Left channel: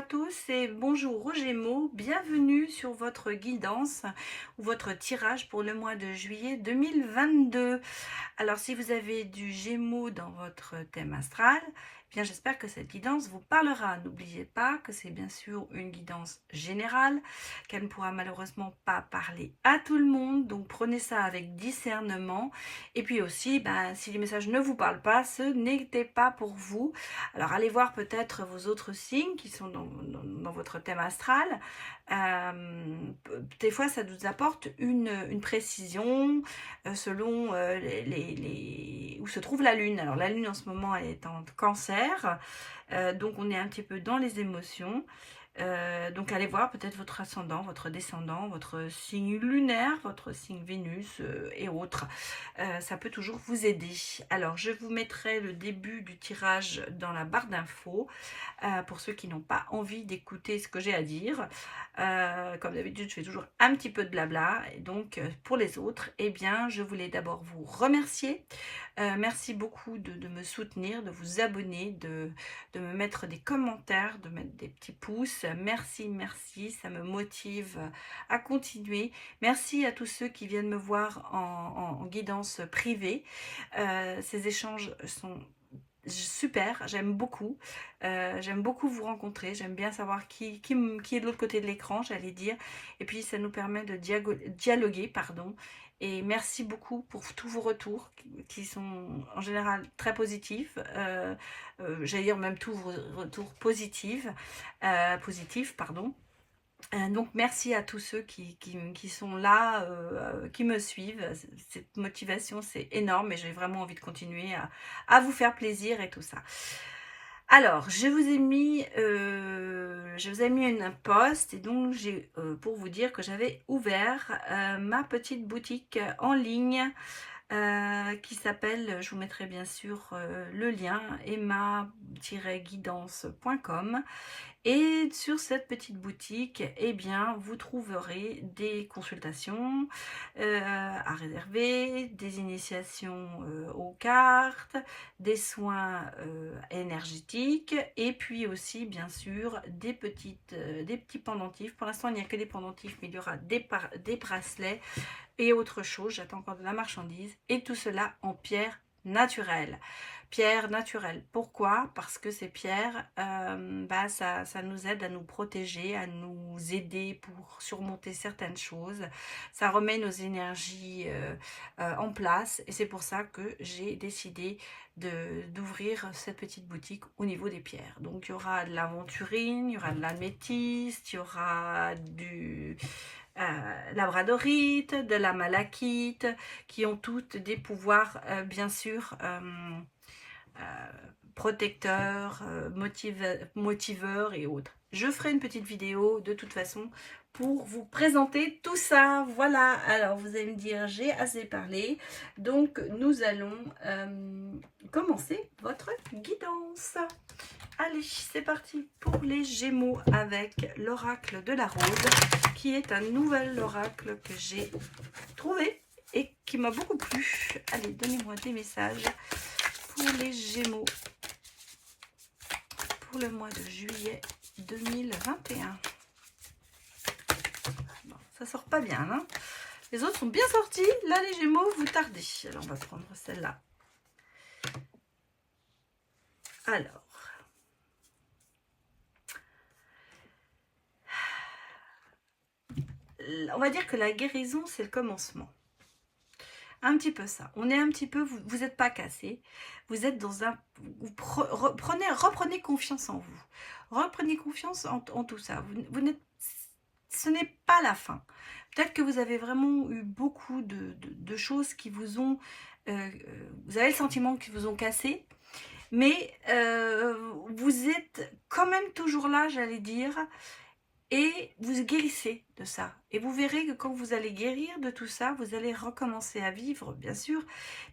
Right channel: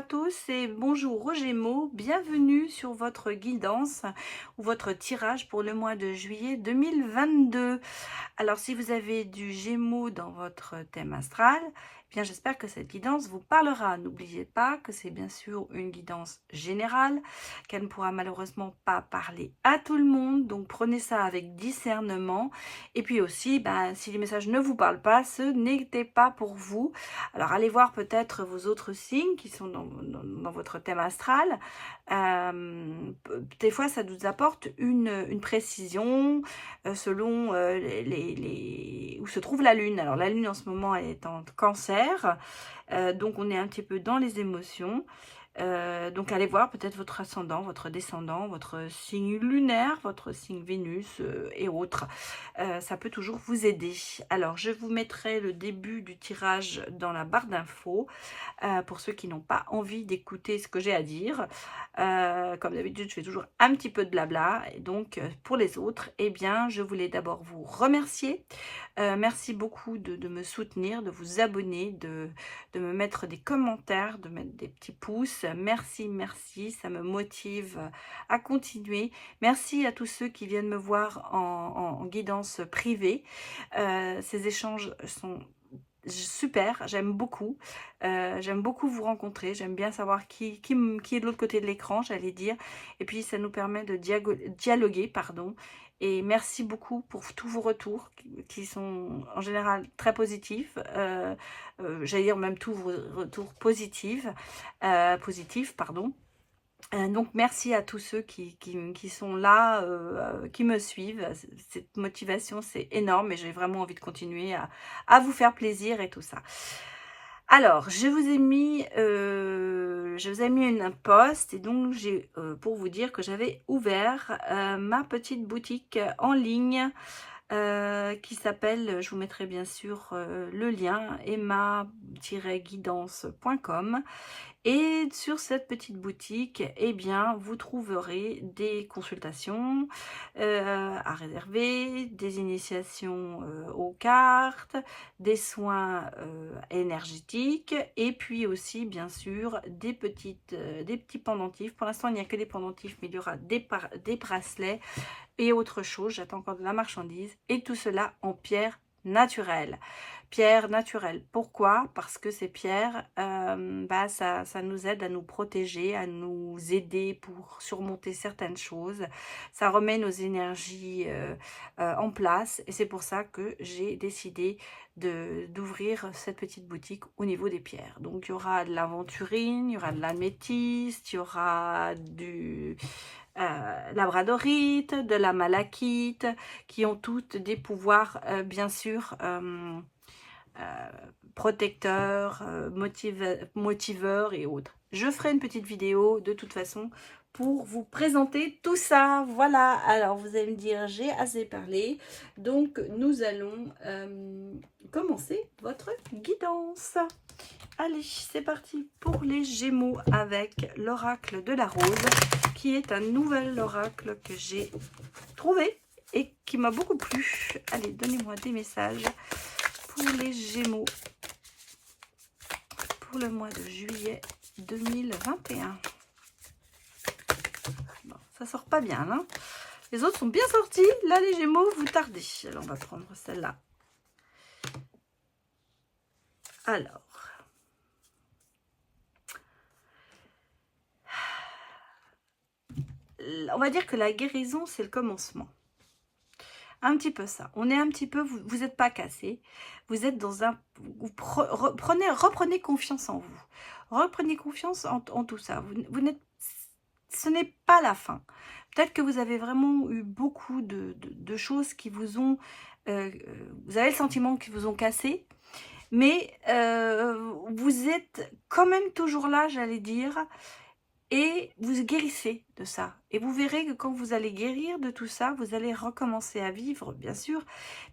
à tous et bonjour aux Gémeaux, bienvenue sur votre guidance ou votre tirage pour le mois de juillet 2022. Alors si vous avez du Gémeaux dans votre thème astral, eh bien j'espère que cette guidance vous parlera. N'oubliez pas que c'est bien sûr une guidance générale, qu'elle ne pourra malheureusement pas parler à tout le monde, donc prenez ça avec discernement. Et puis aussi, si les messages ne vous parlent pas, ce n'était pas pour vous. Alors allez voir peut-être vos autres signes qui sont dans votre thème astral. Des fois ça nous apporte une précision selon où se trouve la lune. Alors la lune en ce moment elle est en cancer, donc on est un petit peu dans les émotions. Donc allez voir peut-être votre ascendant, votre descendant, votre signe lunaire, votre signe Vénus et autres. Ça peut toujours vous aider. Alors je vous mettrai le début du tirage dans la barre d'infos pour ceux qui n'ont pas envie d'écouter ce que j'ai à dire. Comme d'habitude, je fais toujours un petit peu de blabla. Et donc pour les autres, eh bien je voulais d'abord vous remercier. Merci beaucoup de me soutenir, de vous abonner, de me mettre des commentaires, de mettre des petits pouces. Merci, merci, ça me motive à continuer. Merci à tous ceux qui viennent me voir en guidance privée. Ces échanges sont super, j'aime beaucoup vous rencontrer, j'aime bien savoir qui est de l'autre côté de l'écran, j'allais dire, et puis ça nous permet de dialoguer, pardon. Et merci beaucoup pour tous vos retours qui sont en général très positifs. J'allais dire même tous vos retours positifs, pardon. Donc merci à tous ceux qui sont là, qui me suivent. Cette motivation c'est énorme et j'ai vraiment envie de continuer à vous faire plaisir et tout ça. Alors, je vous ai mis une post et donc j'ai pour vous dire que j'avais ouvert ma petite boutique en ligne qui s'appelle, je vous mettrai bien sûr le lien, emma-guidance.com. Et sur cette petite boutique, eh bien, vous trouverez des consultations à réserver, des initiations aux cartes, des soins énergétiques et puis aussi, bien sûr, des petits pendentifs. Pour l'instant, il n'y a que des pendentifs, mais il y aura des bracelets et autre chose. J'attends encore de la marchandise et tout cela en pierre naturelle. Pierre naturelle. Pourquoi? Parce que ces pierres, ça nous aide à nous protéger, à nous aider pour surmonter certaines choses. Ça remet nos énergies en place et c'est pour ça que j'ai décidé d'ouvrir cette petite boutique au niveau des pierres. Donc il y aura de l'aventurine, il y aura de l'améthyste, il y aura du labradorite, de la malachite, qui ont toutes des pouvoirs bien sûr protecteurs, motiveurs et autres. Je ferai une petite vidéo de toute façon pour vous présenter tout ça. Voilà, alors vous allez me dire j'ai assez parlé, donc nous allons commencer votre guidance. Allez, c'est parti pour les Gémeaux avec l'oracle de la rose, qui est un nouvel oracle que j'ai trouvé et qui m'a beaucoup plu. Allez, donnez-moi des messages pour les Gémeaux pour le mois de juillet 2021. Bon, ça sort pas bien, hein. Les autres sont bien sortis. Là, les Gémeaux, vous tardez. Alors, on va prendre celle-là. Alors. On va dire que la guérison, c'est le commencement. Un petit peu ça. On est un petit peu, vous n'êtes pas cassé. Vous êtes dans un... reprenez confiance en vous. Reprenez confiance en tout ça. Ce n'est pas la fin. Peut-être que vous avez vraiment eu beaucoup de choses qui vous ont... vous avez le sentiment qu'ils vous ont cassé. Mais vous êtes quand même toujours là, j'allais dire. Et vous guérissez de ça. Et vous verrez que quand vous allez guérir de tout ça, vous allez recommencer à vivre, bien sûr.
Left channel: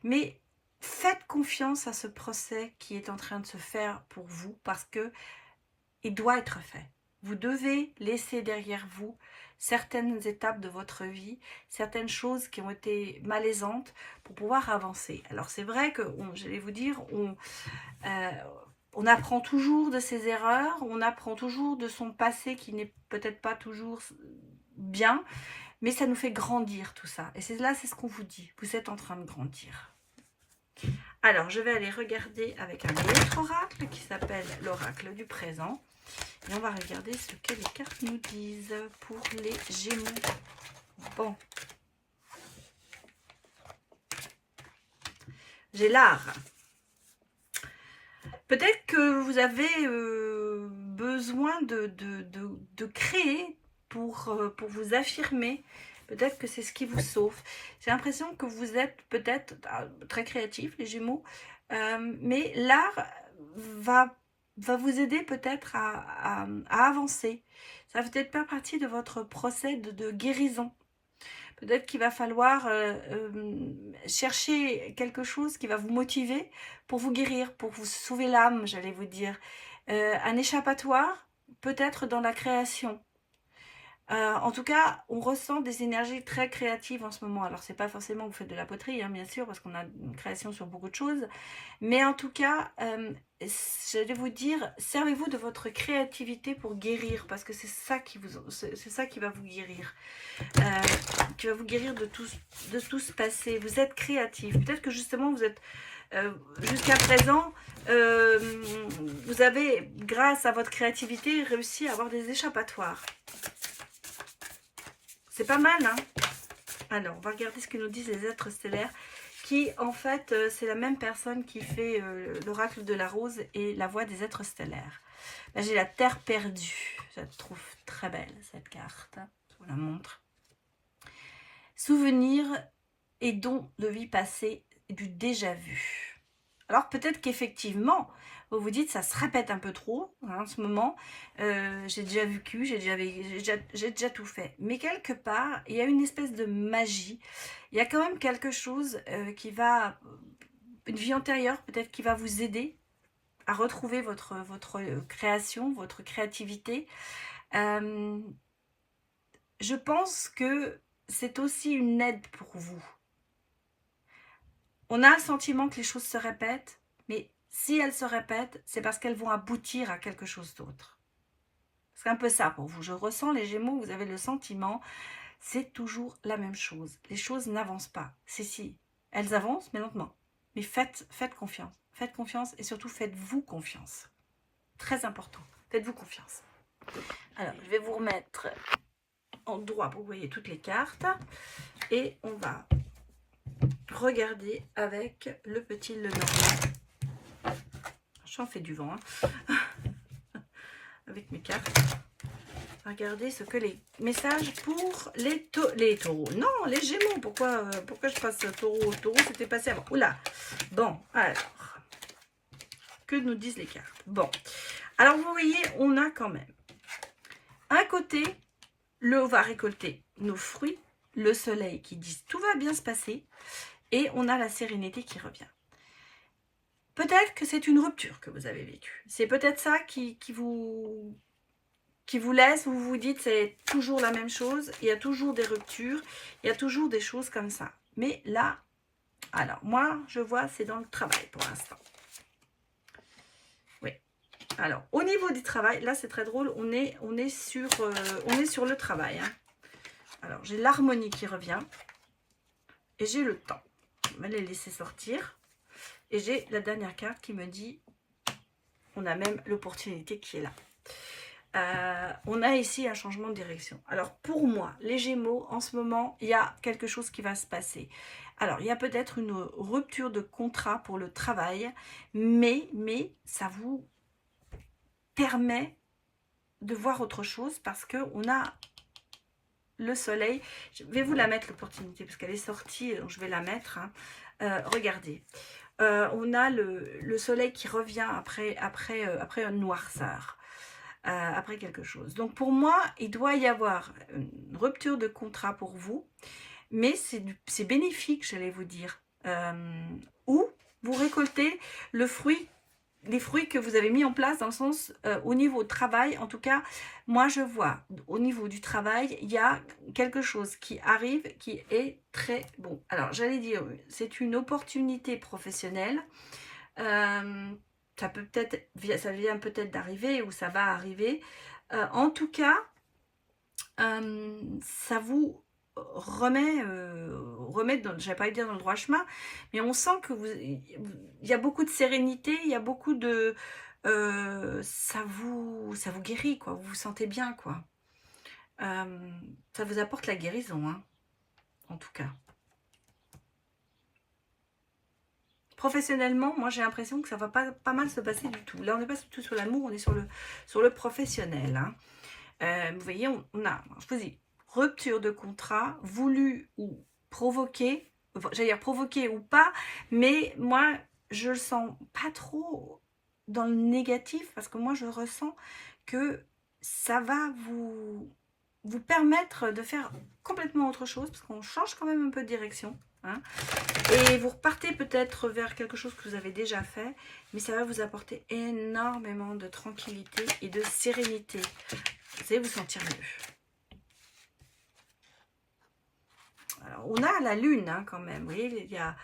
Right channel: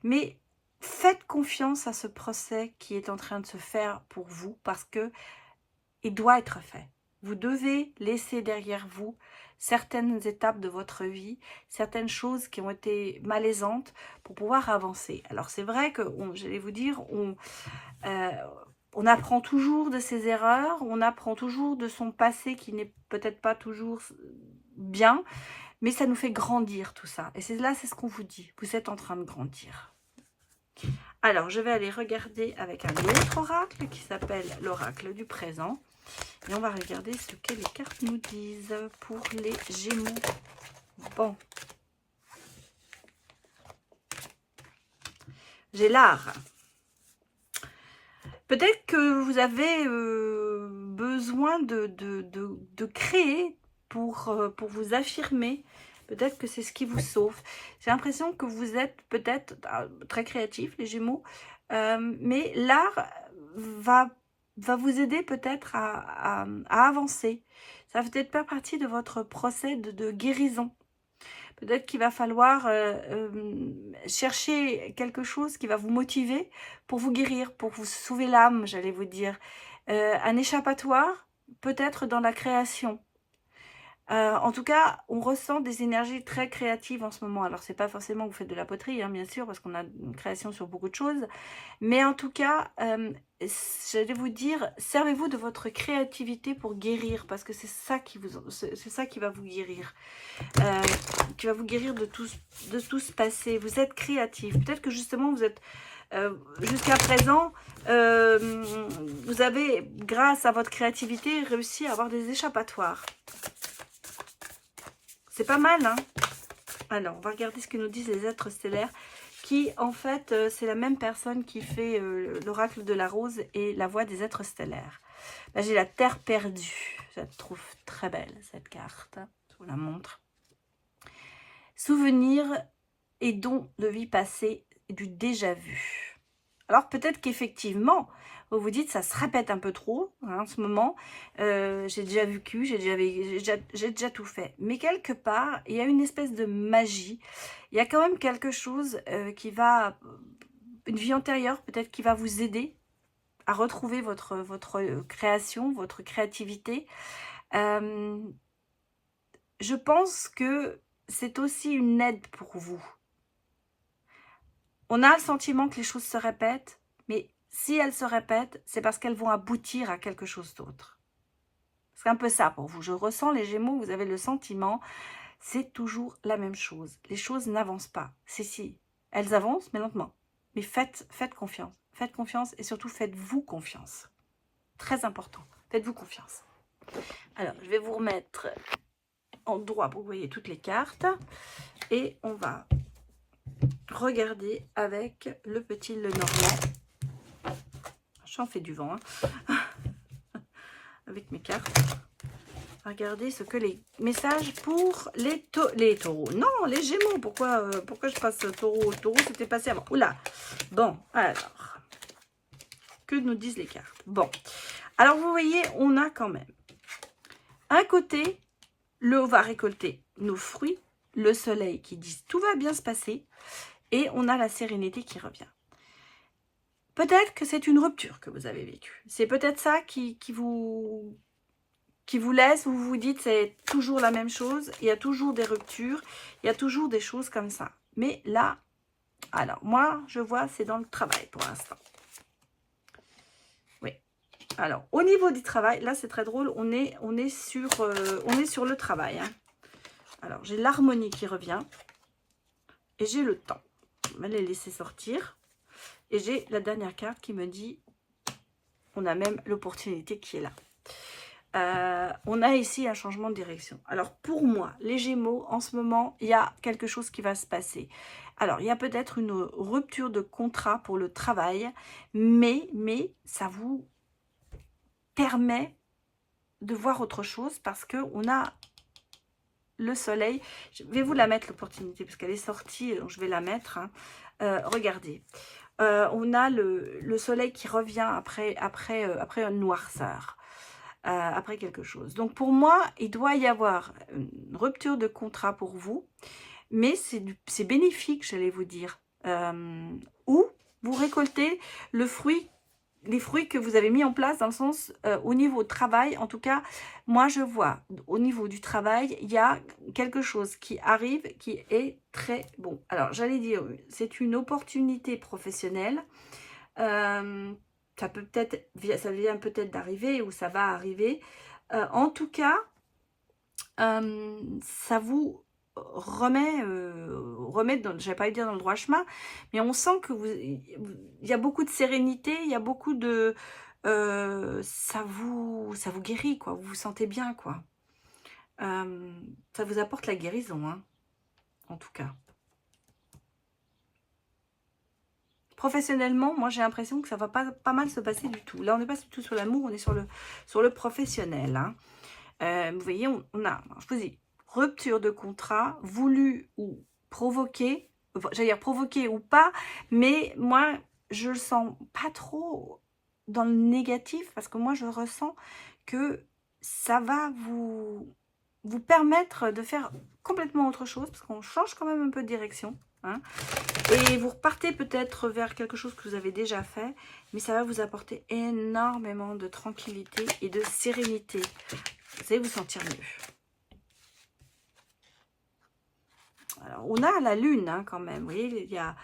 Mais faites confiance à ce procès qui est en train de se faire pour vous parce que il doit être fait. Vous devez laisser derrière vous certaines étapes de votre vie, certaines choses qui ont été malaisantes pour pouvoir avancer. Alors c'est vrai que, j'allais vous dire, on apprend toujours de ses erreurs, on apprend toujours de son passé qui n'est peut-être pas toujours bien, mais ça nous fait grandir tout ça. Et c'est là, c'est ce qu'on vous dit, vous êtes en train de grandir. Alors, je vais aller regarder avec un autre oracle qui s'appelle l'oracle du présent. Et on va regarder ce que les cartes nous disent pour les Gémeaux. Bon. J'ai l'art. Peut-être que vous avez besoin de créer pour vous affirmer. Peut-être que c'est ce qui vous sauve. J'ai l'impression que vous êtes peut-être très créatifs, les Gémeaux. Mais l'art va vous aider peut-être à avancer. Ça va peut-être faire partie de votre procès de guérison. Peut-être qu'il va falloir chercher quelque chose qui va vous motiver pour vous guérir, pour vous sauver l'âme, j'allais vous dire. Un échappatoire, peut-être dans la création. En tout cas, on ressent des énergies très créatives en ce moment. Alors, c'est pas forcément que vous faites de la poterie, hein, bien sûr, parce qu'on a une création sur beaucoup de choses. Mais en tout cas, j'allais vous dire, servez-vous de votre créativité pour guérir, parce que c'est ça qui va vous guérir. Qui va vous guérir de tout ce passé. Vous êtes créatif. Peut-être que justement, vous êtes... jusqu'à présent, vous avez, grâce à votre créativité, réussi à avoir des échappatoires. C'est pas mal, hein? Alors, on va regarder ce que nous disent les êtres stellaires, qui, en fait, c'est la même personne qui fait l'oracle de la rose et la voix des êtres stellaires. Là, j'ai la terre perdue. Je la trouve très belle, cette carte. Je vous la montre. Souvenirs et dons de vie passée, du déjà vu. Alors, peut-être qu'effectivement, vous vous dites, ça se répète un peu trop, hein, en ce moment. J'ai déjà vécu, j'ai déjà tout fait. Mais quelque part, il y a une espèce de magie. Il y a quand même quelque chose qui va... Une vie antérieure, peut-être, qui va vous aider à retrouver votre création, votre créativité. Je pense que c'est aussi une aide pour vous. On a le sentiment que les choses se répètent, mais si elles se répètent, c'est parce qu'elles vont aboutir à quelque chose d'autre. C'est un peu ça pour vous. Je ressens, les Gémeaux, vous avez le sentiment, c'est toujours la même chose. Les choses n'avancent pas. Si, elles avancent, mais lentement. Mais faites confiance. Faites confiance et surtout faites-vous confiance. Très important. Faites-vous confiance. Alors, je vais vous remettre en droit pour que vous voyez toutes les cartes. Et on va regarder avec le petit Lenormand. J'en fais du vent, hein. Avec mes cartes. Regardez ce que les messages pour les taureaux. Non, les Gémeaux. Pourquoi je passe taureau? Taureau, c'était passé avant. Oula. Bon, alors. Que nous disent les cartes? Bon. Alors, vous voyez, on a quand même. Un côté, on va récolter nos fruits. Le soleil qui dit tout va bien se passer. Et on a la sérénité qui revient. Peut-être que c'est une rupture que vous avez vécue. C'est peut-être ça qui vous laisse, où vous vous dites c'est toujours la même chose, il y a toujours des ruptures, il y a toujours des choses comme ça. Mais là, alors moi je vois c'est dans le travail pour l'instant. Oui. Alors au niveau du travail, là c'est très drôle, on est sur le travail. Hein. Alors j'ai l'harmonie qui revient et j'ai le temps. Je vais les laisser sortir. Et j'ai la dernière carte qui me dit, on a même l'opportunité qui est là. On a ici un changement de direction. Alors pour moi, les Gémeaux, en ce moment, il y a quelque chose qui va se passer. Alors, il y a peut-être une rupture de contrat pour le travail, mais ça vous permet de voir autre chose parce qu'on a le soleil. Je vais vous la mettre, l'opportunité, parce qu'elle est sortie, donc je vais la mettre. Hein. Regardez. On a le soleil qui revient après une noirceur, après quelque chose. Donc pour moi, il doit y avoir une rupture de contrat pour vous, mais c'est bénéfique, j'allais vous dire. Ou vous récoltez les fruits que vous avez mis en place dans le sens, au niveau travail, en tout cas, moi je vois, au niveau du travail, il y a quelque chose qui arrive qui est très bon. Alors, j'allais dire, c'est une opportunité professionnelle. ça vient peut-être d'arriver ou ça va arriver. En tout cas, ça vous remet dans, je vais pas dire dans le droit chemin, mais on sent que il y a beaucoup de sérénité, il y a beaucoup de ça vous guérit, quoi. Vous vous sentez bien, quoi. Ça vous apporte la guérison, hein, en tout cas. Professionnellement, moi j'ai l'impression que ça va pas mal se passer du tout. Là, on n'est pas du tout sur l'amour, on est sur le professionnel, hein. Vous voyez, on a, je vous dis, rupture de contrat, voulu ou provoqué, j'allais dire provoqué ou pas, mais moi, je le sens pas trop dans le négatif, parce que moi, je ressens que ça va vous permettre de faire complètement autre chose, parce qu'on change quand même un peu de direction, hein, et vous repartez peut-être vers quelque chose que vous avez déjà fait, mais ça va vous apporter énormément de tranquillité et de sérénité. Vous allez vous sentir mieux. Alors, on a la lune, hein, quand même. Vous voyez, il y a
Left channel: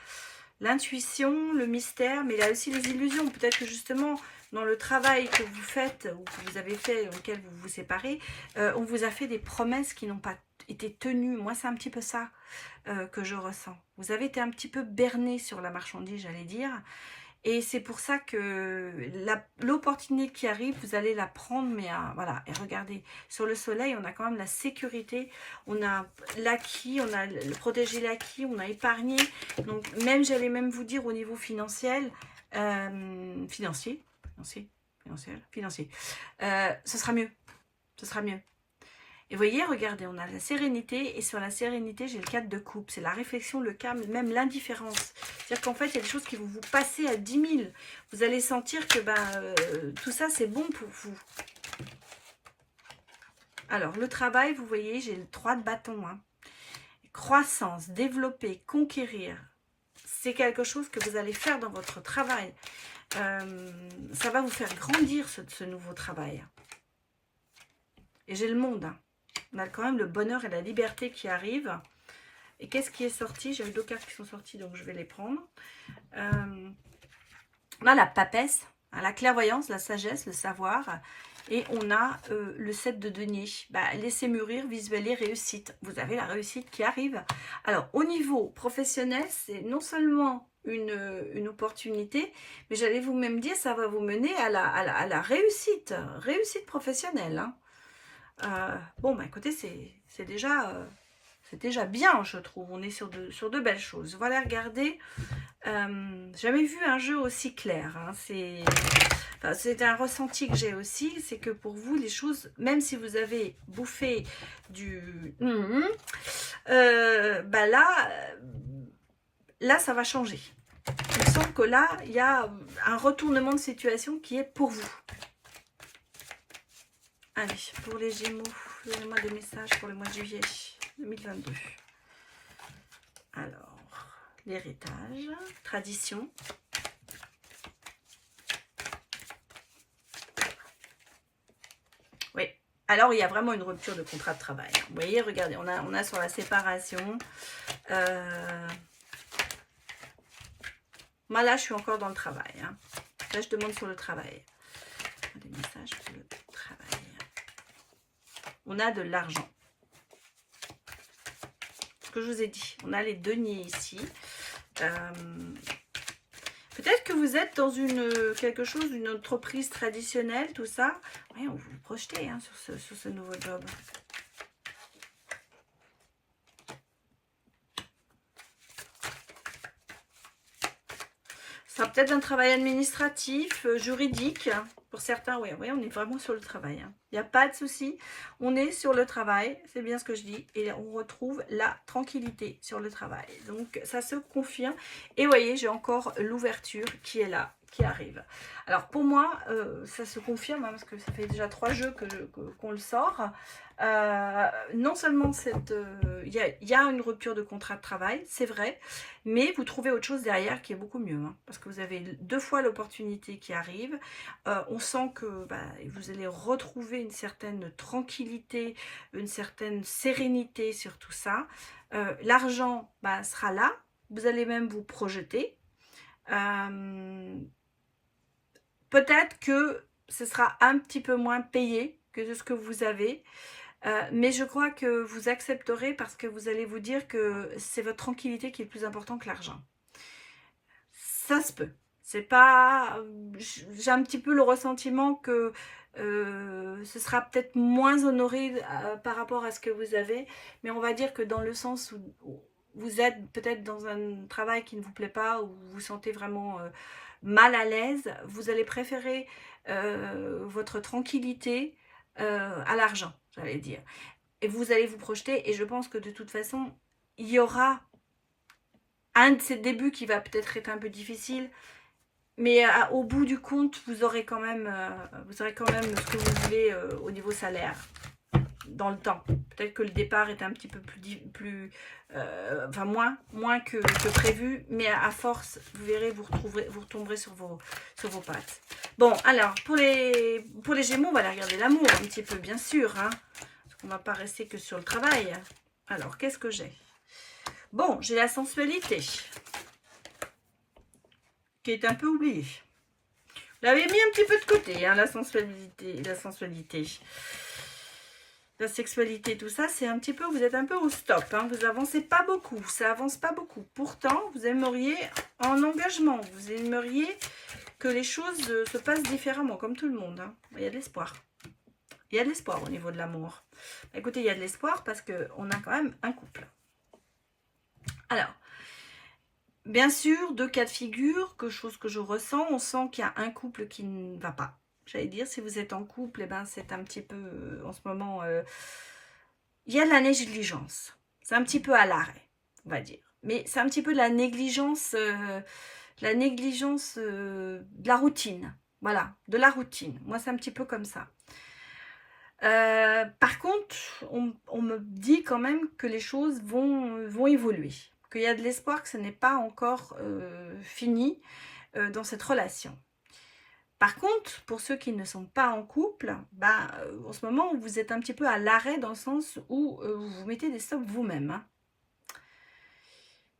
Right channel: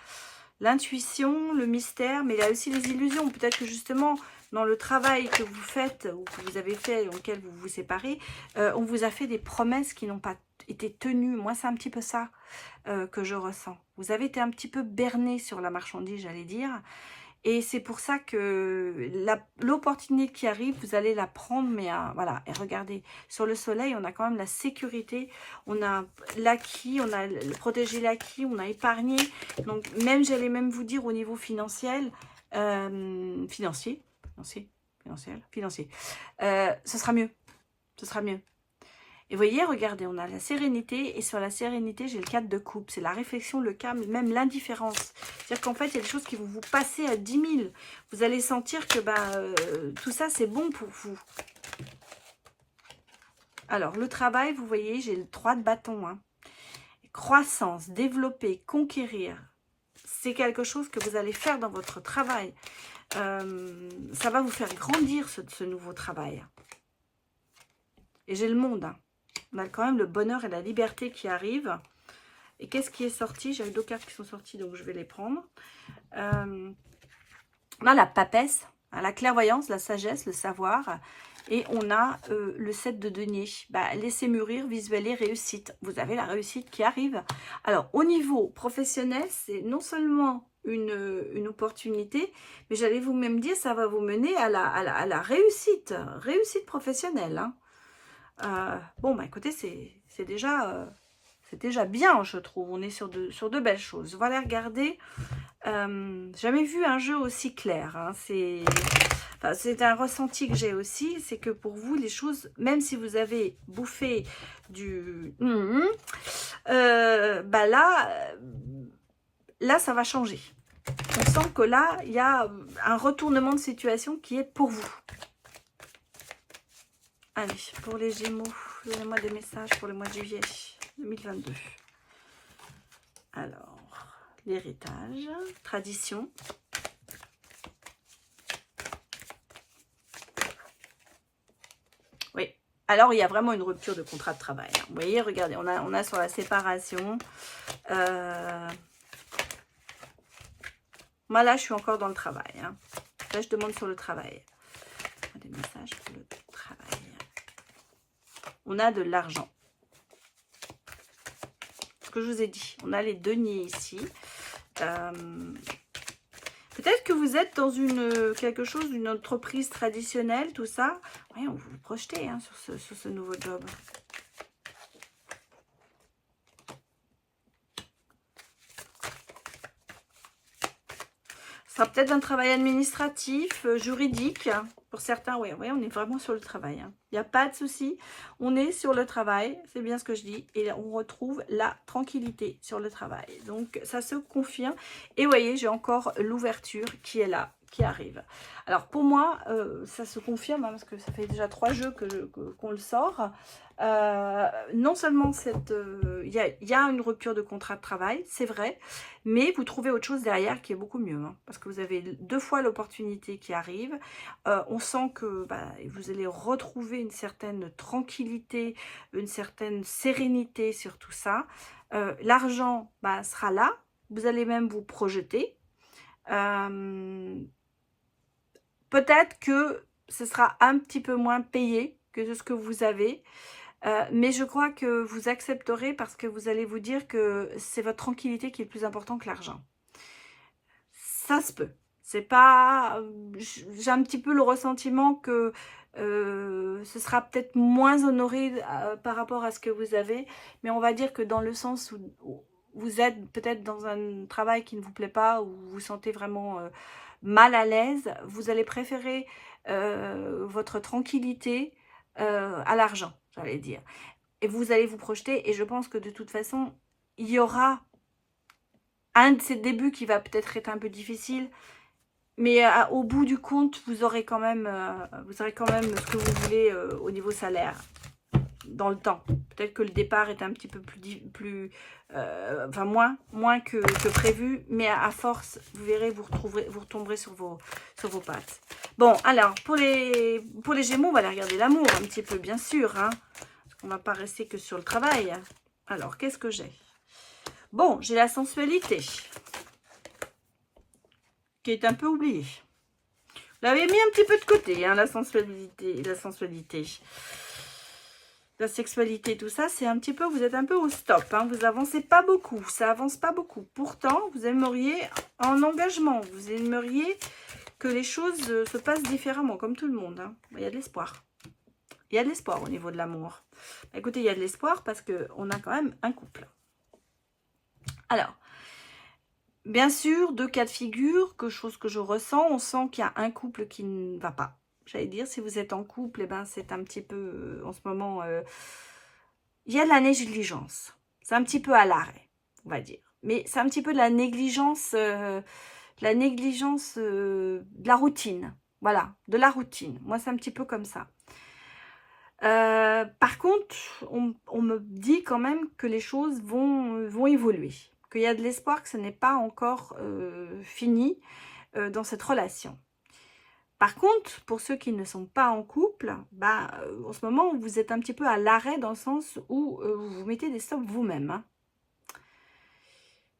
l'intuition, le mystère, mais il y a aussi les illusions. Peut-être que justement, dans le travail que vous faites, ou que vous avez fait, dans lequel vous vous séparez, on vous a fait des promesses qui n'ont pas été tenues. Moi, c'est un petit peu ça que je ressens. Vous avez été un petit peu berné sur la marchandise, j'allais dire. Et c'est pour ça que l'opportunité qui arrive, vous allez la prendre, mais voilà. Et regardez, sur le soleil, on a quand même la sécurité, on a l'acquis, on a protégé l'acquis, on a épargné. Donc même, j'allais même vous dire au niveau financier, financier, ce sera mieux, ce sera mieux. Et vous voyez, regardez, on a la sérénité, et sur la sérénité, j'ai le 4 de coupe. C'est la réflexion, le calme, même l'indifférence. C'est-à-dire qu'en fait, il y a des choses qui vont vous passer à 10 000. Vous allez sentir que tout ça, c'est bon pour vous. Alors, le travail, vous voyez, j'ai le 3 de bâton. Hein. Croissance, développer, conquérir. C'est quelque chose que vous allez faire dans votre travail. Ça va vous faire grandir, ce nouveau travail. Et j'ai le monde, hein. On a quand même le bonheur et la liberté qui arrivent. Et qu'est-ce qui est sorti? J'avais 2 cartes qui sont sorties, donc je vais les prendre. On a la papesse, hein, la clairvoyance, la sagesse, le savoir. Et on a le 7 de denier. Laissez mûrir, visualiser, réussite. Vous avez la réussite qui arrive. Alors, au niveau professionnel, c'est non seulement une opportunité, mais j'allais vous même dire, ça va vous mener à la réussite. Réussite professionnelle, hein. Bon, écoutez, c'est déjà bien, je trouve. On est sur de belles choses. Voilà, regardez. Jamais vu un jeu aussi clair. Hein. C'est un ressenti que j'ai aussi. C'est que pour vous, les choses, même si vous avez bouffé du... là, ça va changer. On sent que là, il y a un retournement de situation qui est pour vous. Allez, pour les Gémeaux, donnez-moi des messages pour le mois de juillet 2022. Alors, l'héritage, tradition. Oui, alors il y a vraiment une rupture de contrat de travail. Vous voyez, regardez, on a sur la séparation. Moi là, je suis encore dans le travail. Hein. Là, je demande sur le travail. Des messages sur le travail. On a de l'argent. Ce que je vous ai dit. On a les deniers ici. Peut-être que vous êtes dans quelque chose, une entreprise traditionnelle, tout ça. Oui, on vous projetez, hein, sur ce nouveau job. Ce sera peut-être un travail administratif, juridique. Pour certains, oui, on est vraiment sur le travail. Hein. Il n'y a pas de souci. On est sur le travail, c'est bien ce que je dis. Et on retrouve la tranquillité sur le travail. Donc, ça se confirme. Et vous voyez, j'ai encore l'ouverture qui est là, qui arrive. Alors, pour moi, ça se confirme, hein, parce que ça fait déjà 3 jeux qu'on le sort. Non seulement il y a une rupture de contrat de travail, c'est vrai, mais vous trouvez autre chose derrière qui est beaucoup mieux, hein, parce que vous avez 2 fois l'opportunité qui arrive. On sent que vous allez retrouver une certaine tranquillité, une certaine sérénité sur tout ça. L'argent sera là, vous allez même vous projeter. peut-être que ce sera un petit peu moins payé que de ce que vous avez. Mais je crois que vous accepterez parce que vous allez vous dire que c'est votre tranquillité qui est plus important que l'argent. Ça se peut. C'est pas... J'ai un petit peu le ressentiment que ce sera peut-être moins honoré par rapport à ce que vous avez. Mais on va dire que dans le sens où vous êtes peut-être dans un travail qui ne vous plaît pas, ou vous vous sentez vraiment mal à l'aise, vous allez préférer votre tranquillité à l'argent, j'allais dire. Et vous allez vous projeter, et je pense que de toute façon, il y aura un de ces débuts qui va peut-être être un peu difficile, mais au bout du compte, vous aurez quand même ce que vous voulez au niveau salaire, dans le temps. Peut-être que le départ est un petit peu moins que prévu, mais à force, vous verrez, vous retomberez sur vos pattes. Bon, alors, pour les Gémeaux, on va aller regarder l'amour un petit peu, bien sûr, hein, parce qu'on ne va pas rester que sur le travail. Alors, qu'est-ce que j'ai? Bon, j'ai la sensualité, qui est un peu oubliée. Vous l'avez mis un petit peu de côté, hein, la sensualité. La sexualité, tout ça, c'est un petit peu, vous êtes un peu au stop, hein, vous avancez pas beaucoup, ça avance pas beaucoup. Pourtant, vous aimeriez en engagement, vous aimeriez que les choses se passent différemment, comme tout le monde, hein. Il y a de l'espoir. Il y a de l'espoir au niveau de l'amour. Écoutez, il y a de l'espoir parce qu'on a quand même un couple. Alors, bien sûr, deux cas de figure, chose que je ressens, on sent qu'il y a un couple qui ne va pas. J'allais dire, si vous êtes en couple, eh ben, c'est un petit peu, en ce moment, il y a de la négligence. C'est un petit peu à l'arrêt, on va dire. Mais c'est un petit peu de la négligence, de la routine. Voilà, de la routine. Moi, c'est un petit peu comme ça. Par contre, on me dit quand même que les choses vont évoluer. Qu'il y a de l'espoir, que ce n'est pas encore fini dans cette relation. Par contre, pour ceux qui ne sont pas en couple, en ce moment, vous êtes un petit peu à l'arrêt dans le sens où vous vous mettez des stops vous-même. Hein.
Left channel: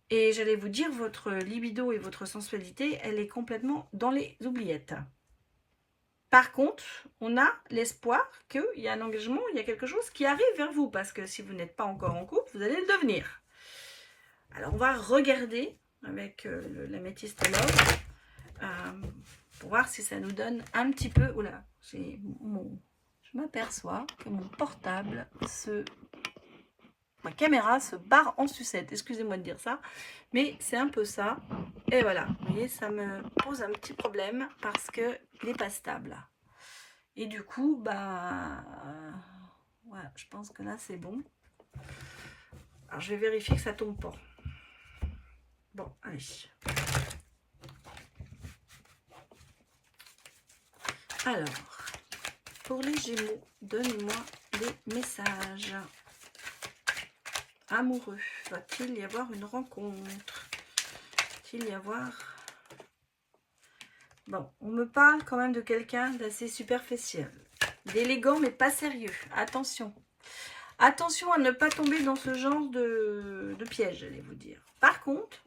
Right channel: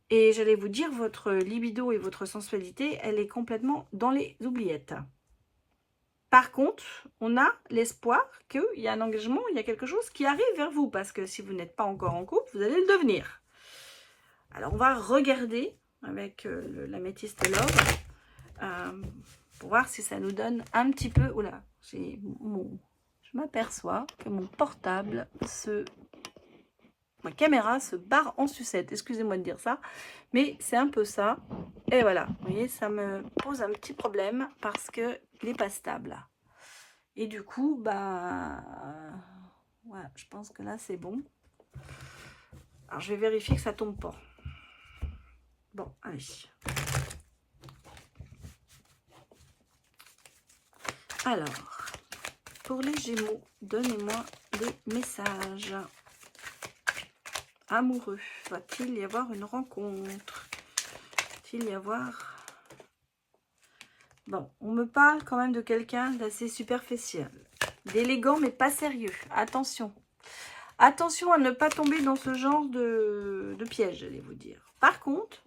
Et j'allais vous dire, votre libido et votre sensualité, elle est complètement dans les oubliettes. Par contre, on a l'espoir qu'il y a un engagement, il y a quelque chose qui arrive vers vous. Parce que si vous n'êtes pas encore en couple, vous allez le devenir. Alors, on va regarder avec l'améthyste love. Pour voir si ça nous donne un petit peu... Oula, je m'aperçois que mon portable, ma caméra se barre en sucette. Excusez-moi de dire ça, mais c'est un peu ça. Et voilà, vous voyez, ça me pose un petit problème parce qu'il n'est pas stable. Et du coup, voilà, je pense que là, c'est bon. Alors, je vais vérifier que ça tombe pas. Bon, allez. Alors, pour les Gémeaux, donnez-moi des messages. Amoureux, va-t-il y avoir une rencontre? Va-t-il y avoir... Bon, on me parle quand même de quelqu'un d'assez superficiel, d'élégant mais pas sérieux. Attention. Attention à ne pas tomber dans ce genre de piège, j'allais vous dire. Par contre,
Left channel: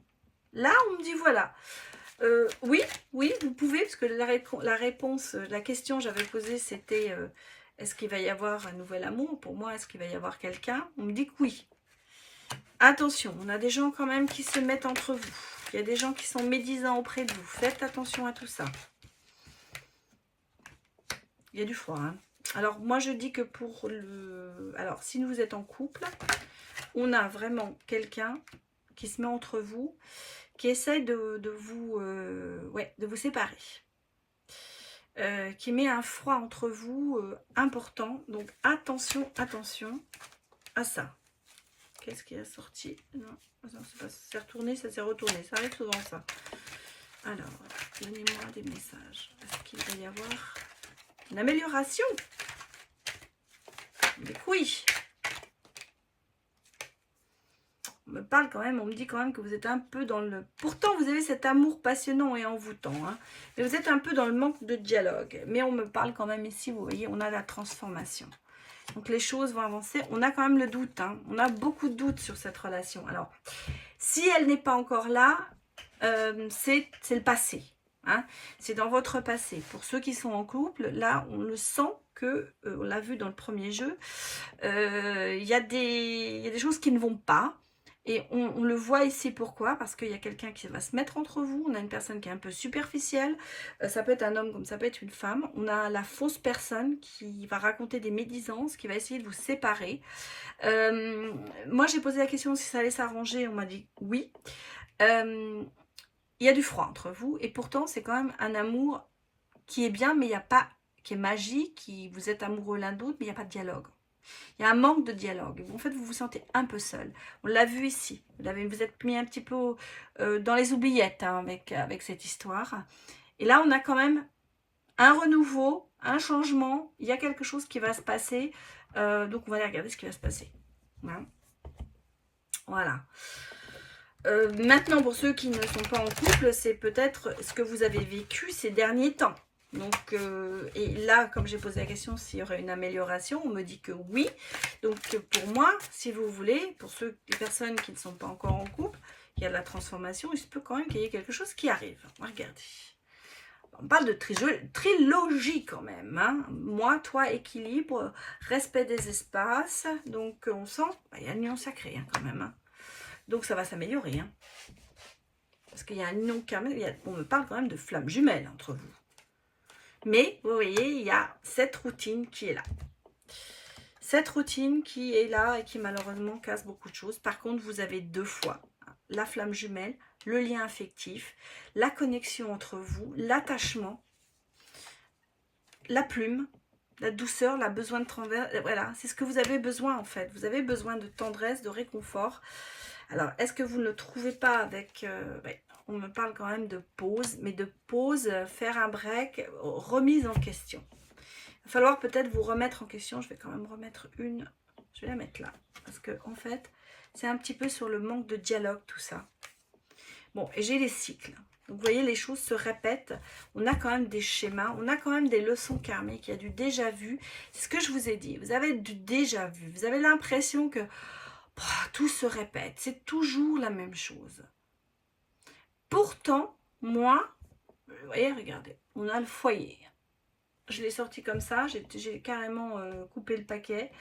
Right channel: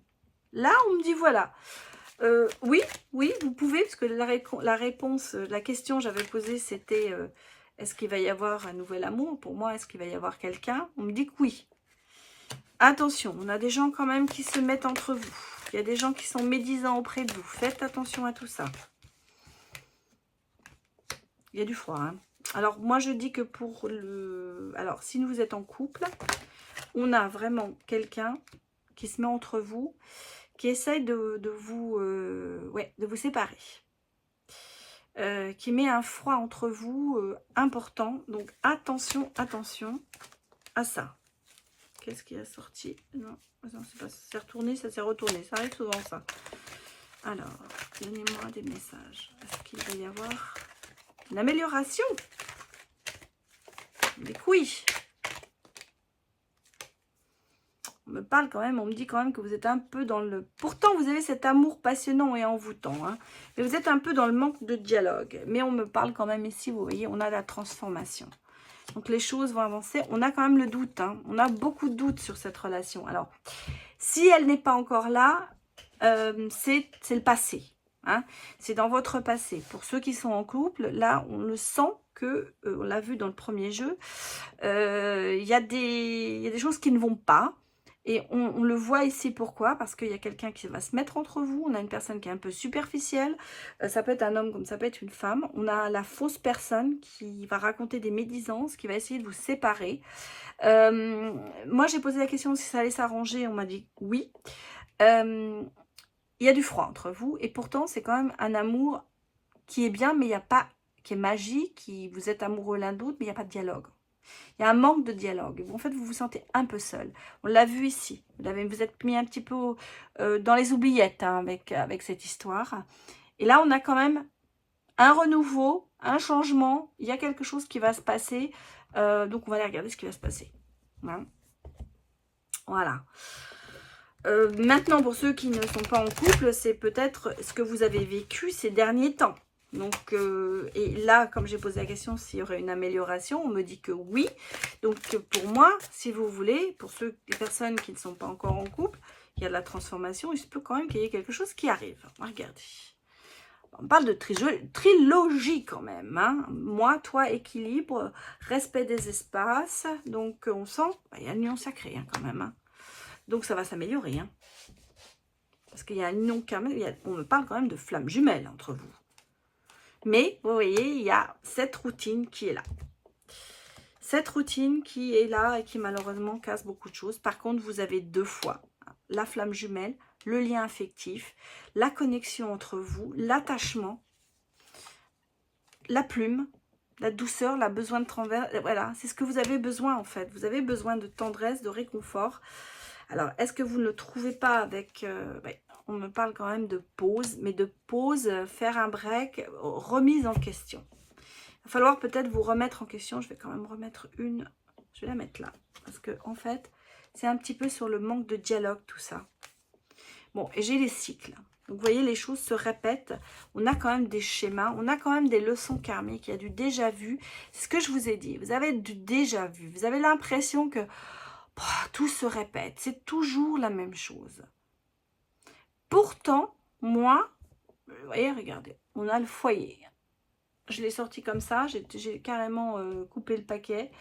là, on me dit voilà... oui, vous pouvez, parce que la réponse, la question que j'avais posée, c'était est-ce qu'il va y avoir un nouvel amour? Pour moi, est-ce qu'il va y avoir quelqu'un? On me dit que oui. Attention, on a des gens quand même qui se mettent entre vous. Il y a des gens qui sont médisants auprès de vous. Faites attention à tout ça. Il y a du froid, hein. Alors, moi, je dis que pour le... Alors, si vous êtes en couple, on a vraiment quelqu'un qui se met entre vous, qui essaye de vous séparer, qui met un froid entre vous important. Donc attention à ça. Qu'est-ce qui a sorti? Non, ça s'est retourné, ça s'est retourné. Ça arrive souvent, ça. Alors, donnez-moi des messages. Est-ce qu'il va y avoir une amélioration? Mais oui. On me parle quand même, on me dit quand même que vous êtes un peu dans le... Pourtant, vous avez cet amour passionnant et envoûtant, hein, mais vous êtes un peu dans le manque de dialogue. Mais on me parle quand même ici, vous voyez, on a la transformation. Donc, les choses vont avancer. On a quand même le doute, hein. On a beaucoup de doutes sur cette relation. Alors, si elle n'est pas encore là, c'est le passé. Hein. C'est dans votre passé. Pour ceux qui sont en couple, là, on le sent que, on l'a vu dans le premier jeu, il y a des choses qui ne vont pas. Et on le voit ici, pourquoi? Parce qu'il y a quelqu'un qui va se mettre entre vous. On a une personne qui est un peu superficielle. Ça peut être un homme comme ça peut être une femme. On a la fausse personne qui va raconter des médisances, qui va essayer de vous séparer. Moi, j'ai posé la question si ça allait s'arranger. On m'a dit oui. Il y a du froid entre vous. Et pourtant, c'est quand même un amour qui est bien, mais il n'y a pas, qui est magique, qui vous êtes amoureux l'un d'autre, mais il n'y a pas de dialogue. Il y a un manque de dialogue. En fait, vous vous sentez un peu seul. On l'a vu ici. Vous êtes mis un petit peu dans les oubliettes hein, avec cette histoire. Et là, on a quand même un renouveau, un changement. Il y a quelque chose qui va se passer. Donc, on va aller regarder ce qui va se passer. Voilà. Maintenant, pour ceux qui ne sont pas en couple, c'est peut-être ce que vous avez vécu ces derniers temps. Donc, et là, comme j'ai posé la question s'il y aurait une amélioration, on me dit que oui. Donc, pour moi, si vous voulez, pour les personnes qui ne sont pas encore en couple, il y a de la transformation, il se peut quand même qu'il y ait quelque chose qui arrive. Regardez. On parle de trilogie quand même. Hein. Moi, toi, équilibre, respect des espaces. Donc, on sent, il y a une union sacrée hein, quand même. Hein. Donc, ça va s'améliorer. Hein. Parce qu'il y a une union quand même, on me parle quand même de flammes jumelles entre vous. Mais, vous voyez, il y a cette routine qui est là. Cette routine qui est là et qui malheureusement casse beaucoup de choses. Par contre, vous avez deux fois la flamme jumelle, le lien affectif, la connexion entre vous, l'attachement, la plume, la douceur, la besoin de tendresse. Voilà, c'est ce que vous avez besoin en fait. Vous avez besoin de tendresse, de réconfort. Alors, est-ce que vous ne le trouvez pas avec... on me parle quand même de pause, mais de pause, faire un break, remise en question. Il va falloir peut-être vous remettre en question. Je vais quand même remettre une. Je vais la mettre là. Parce que en fait, c'est un petit peu sur le manque de dialogue, tout ça. Bon, et j'ai les cycles. Donc, vous voyez, les choses se répètent. On a quand même des schémas. On a quand même des leçons karmiques. Il y a du déjà vu. C'est ce que je vous ai dit. Vous avez du déjà vu. Vous avez l'impression que tout se répète. C'est toujours la même chose. Pourtant, moi, vous voyez, regardez, on a le foyer. Je l'ai sorti comme ça, j'ai carrément coupé le paquet.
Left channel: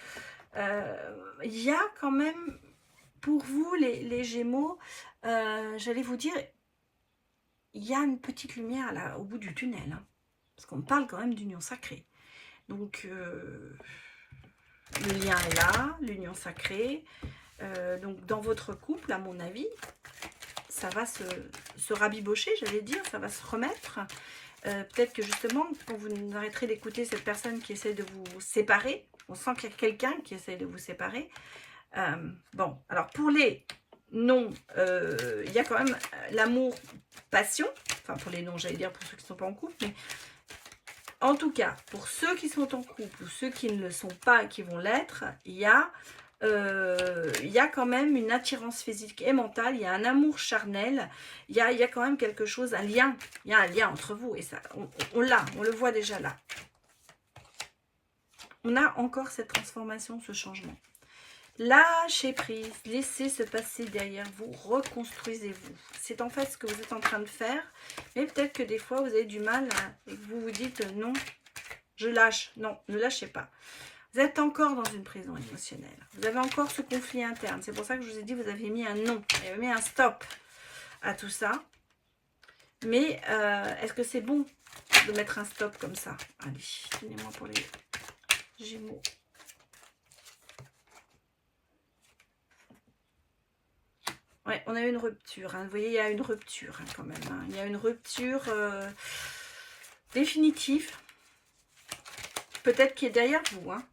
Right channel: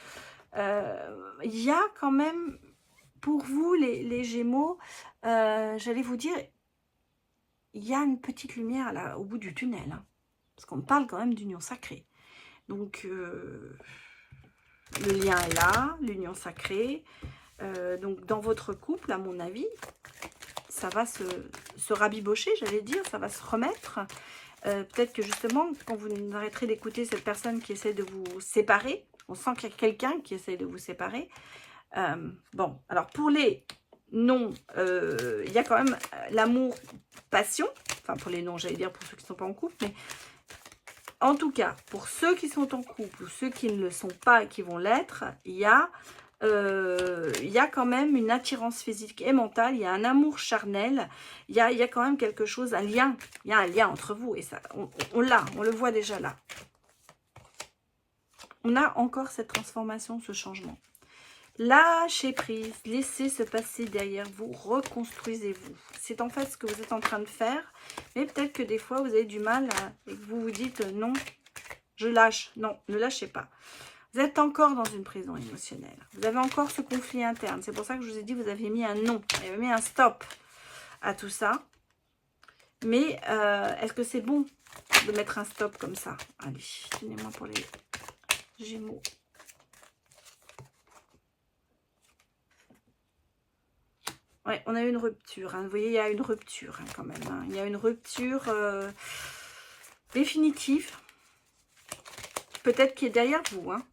Il y a quand même, pour vous, les Gémeaux, j'allais vous dire, il y a une petite lumière là, au bout du tunnel. Hein, parce qu'on parle quand même d'union sacrée. Donc, le lien est là, l'union sacrée. Donc, dans votre couple, à mon avis, ça va se rabibocher, j'allais dire, ça va se remettre. Peut-être que justement, quand vous arrêterez d'écouter cette personne qui essaie de vous séparer, on sent qu'il y a quelqu'un qui essaie de vous séparer. Bon, alors pour les non, il y a quand même l'amour, passion. Enfin, pour les non, j'allais dire pour ceux qui ne sont pas en couple. Mais en tout cas, pour ceux qui sont en couple ou ceux qui ne le sont pas et qui vont l'être, il y a quand même une attirance physique et mentale, il y a un amour charnel, il y a quand même quelque chose, un lien, il y a un lien entre vous et ça, on le voit déjà là. On a encore cette transformation, ce changement. Lâchez prise, laissez se passer derrière vous, reconstruisez-vous. C'est en fait ce que vous êtes en train de faire, mais peut-être que des fois vous avez du mal, vous vous dites non, je lâche, non, ne lâchez pas. Vous êtes encore dans une prison émotionnelle. Vous avez encore ce conflit interne. C'est pour ça que je vous ai dit, vous avez mis un non. Vous avez mis un stop à tout ça. Mais est-ce que c'est bon de mettre un stop comme ça? Allez, tenez-moi pour les Gémeaux. Ouais, on a une rupture. Hein. Vous voyez, il y a une rupture hein, quand même. Hein. Il y a une rupture définitive. Peut-être qui est derrière vous. Hein.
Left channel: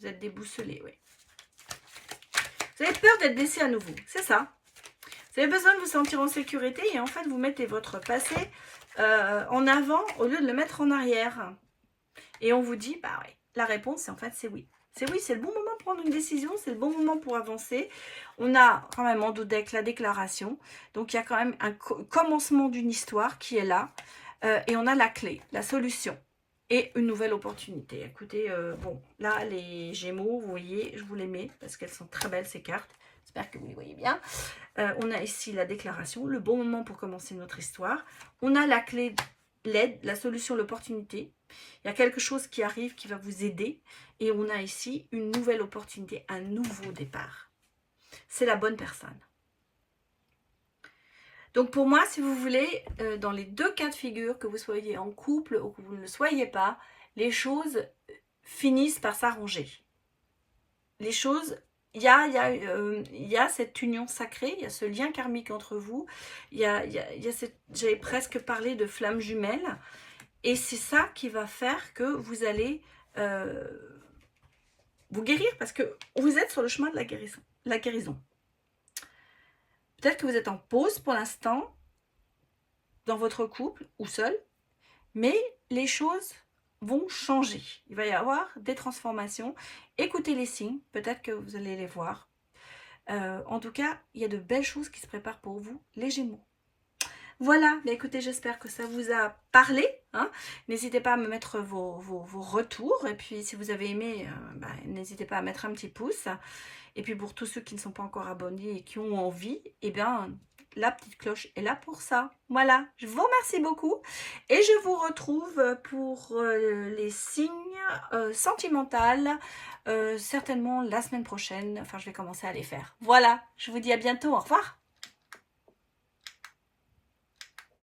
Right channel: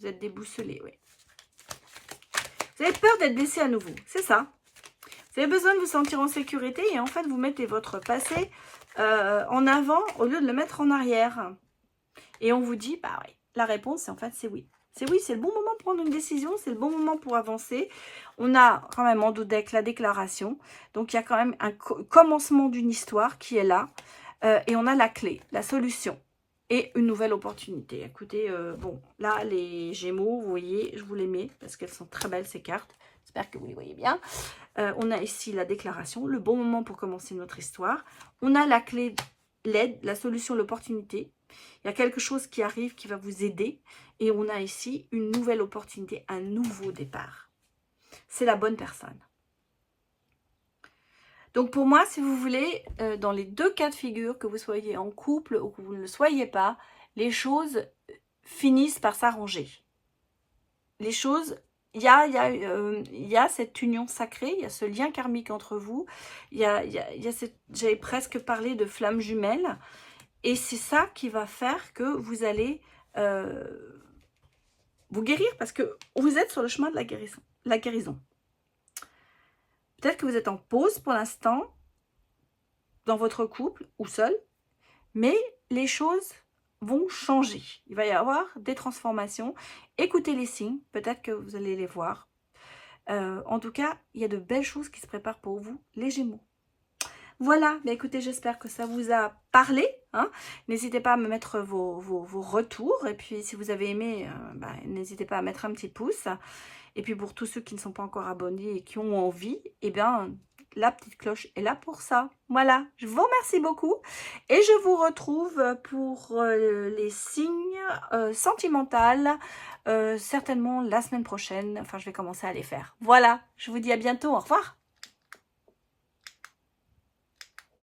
Vous êtes déboussolé, oui. Vous avez peur d'être blessé à nouveau, c'est ça. Vous avez besoin de vous sentir en sécurité et en fait, vous mettez votre passé en avant au lieu de le mettre en arrière. Et on vous dit, bah oui, la réponse, en fait, c'est oui. C'est oui, c'est le bon moment pour prendre une décision, c'est le bon moment pour avancer. On a quand même en dos-deck la déclaration. Donc, il y a quand même un commencement d'une histoire qui est là. Et on a la clé, la solution. Et une nouvelle opportunité. Écoutez, bon, là, les Gémeaux, vous voyez, je vous les mets parce qu'elles sont très belles, ces cartes. J'espère que vous les voyez bien. On a ici la déclaration, le bon moment pour commencer notre histoire. On a la clé, l'aide, la solution, l'opportunité. Il y a quelque chose qui arrive qui va vous aider. Et on a ici une nouvelle opportunité, un nouveau départ. C'est la bonne personne. Donc pour moi, si vous voulez, dans les deux cas de figure, que vous soyez en couple ou que vous ne le soyez pas, les choses finissent par s'arranger. Les choses, il y a cette union sacrée, il y a ce lien karmique entre vous, j'avais presque parlé de flammes jumelles, et c'est ça qui va faire que vous allez vous guérir, parce que vous êtes sur le chemin de la guérison. Peut-être que vous êtes en pause pour l'instant, dans votre couple ou seul, mais les choses vont changer. Il va y avoir des transformations. Écoutez les signes, peut-être que vous allez les voir. En tout cas, il y a de belles choses qui se préparent pour vous, les Gémeaux. Voilà, bah écoutez, j'espère que ça vous a parlé. Hein. N'hésitez pas à me mettre vos retours. Et puis, si vous avez aimé, n'hésitez pas à mettre un petit pouce. Et puis, pour tous ceux qui ne sont pas encore abonnés et qui ont envie, eh bien, la petite cloche est là pour ça. Voilà, je vous remercie beaucoup. Et je vous retrouve pour les signes sentimentaux, certainement la semaine prochaine. Enfin, je vais commencer à les faire. Voilà, je vous dis à bientôt. Au revoir.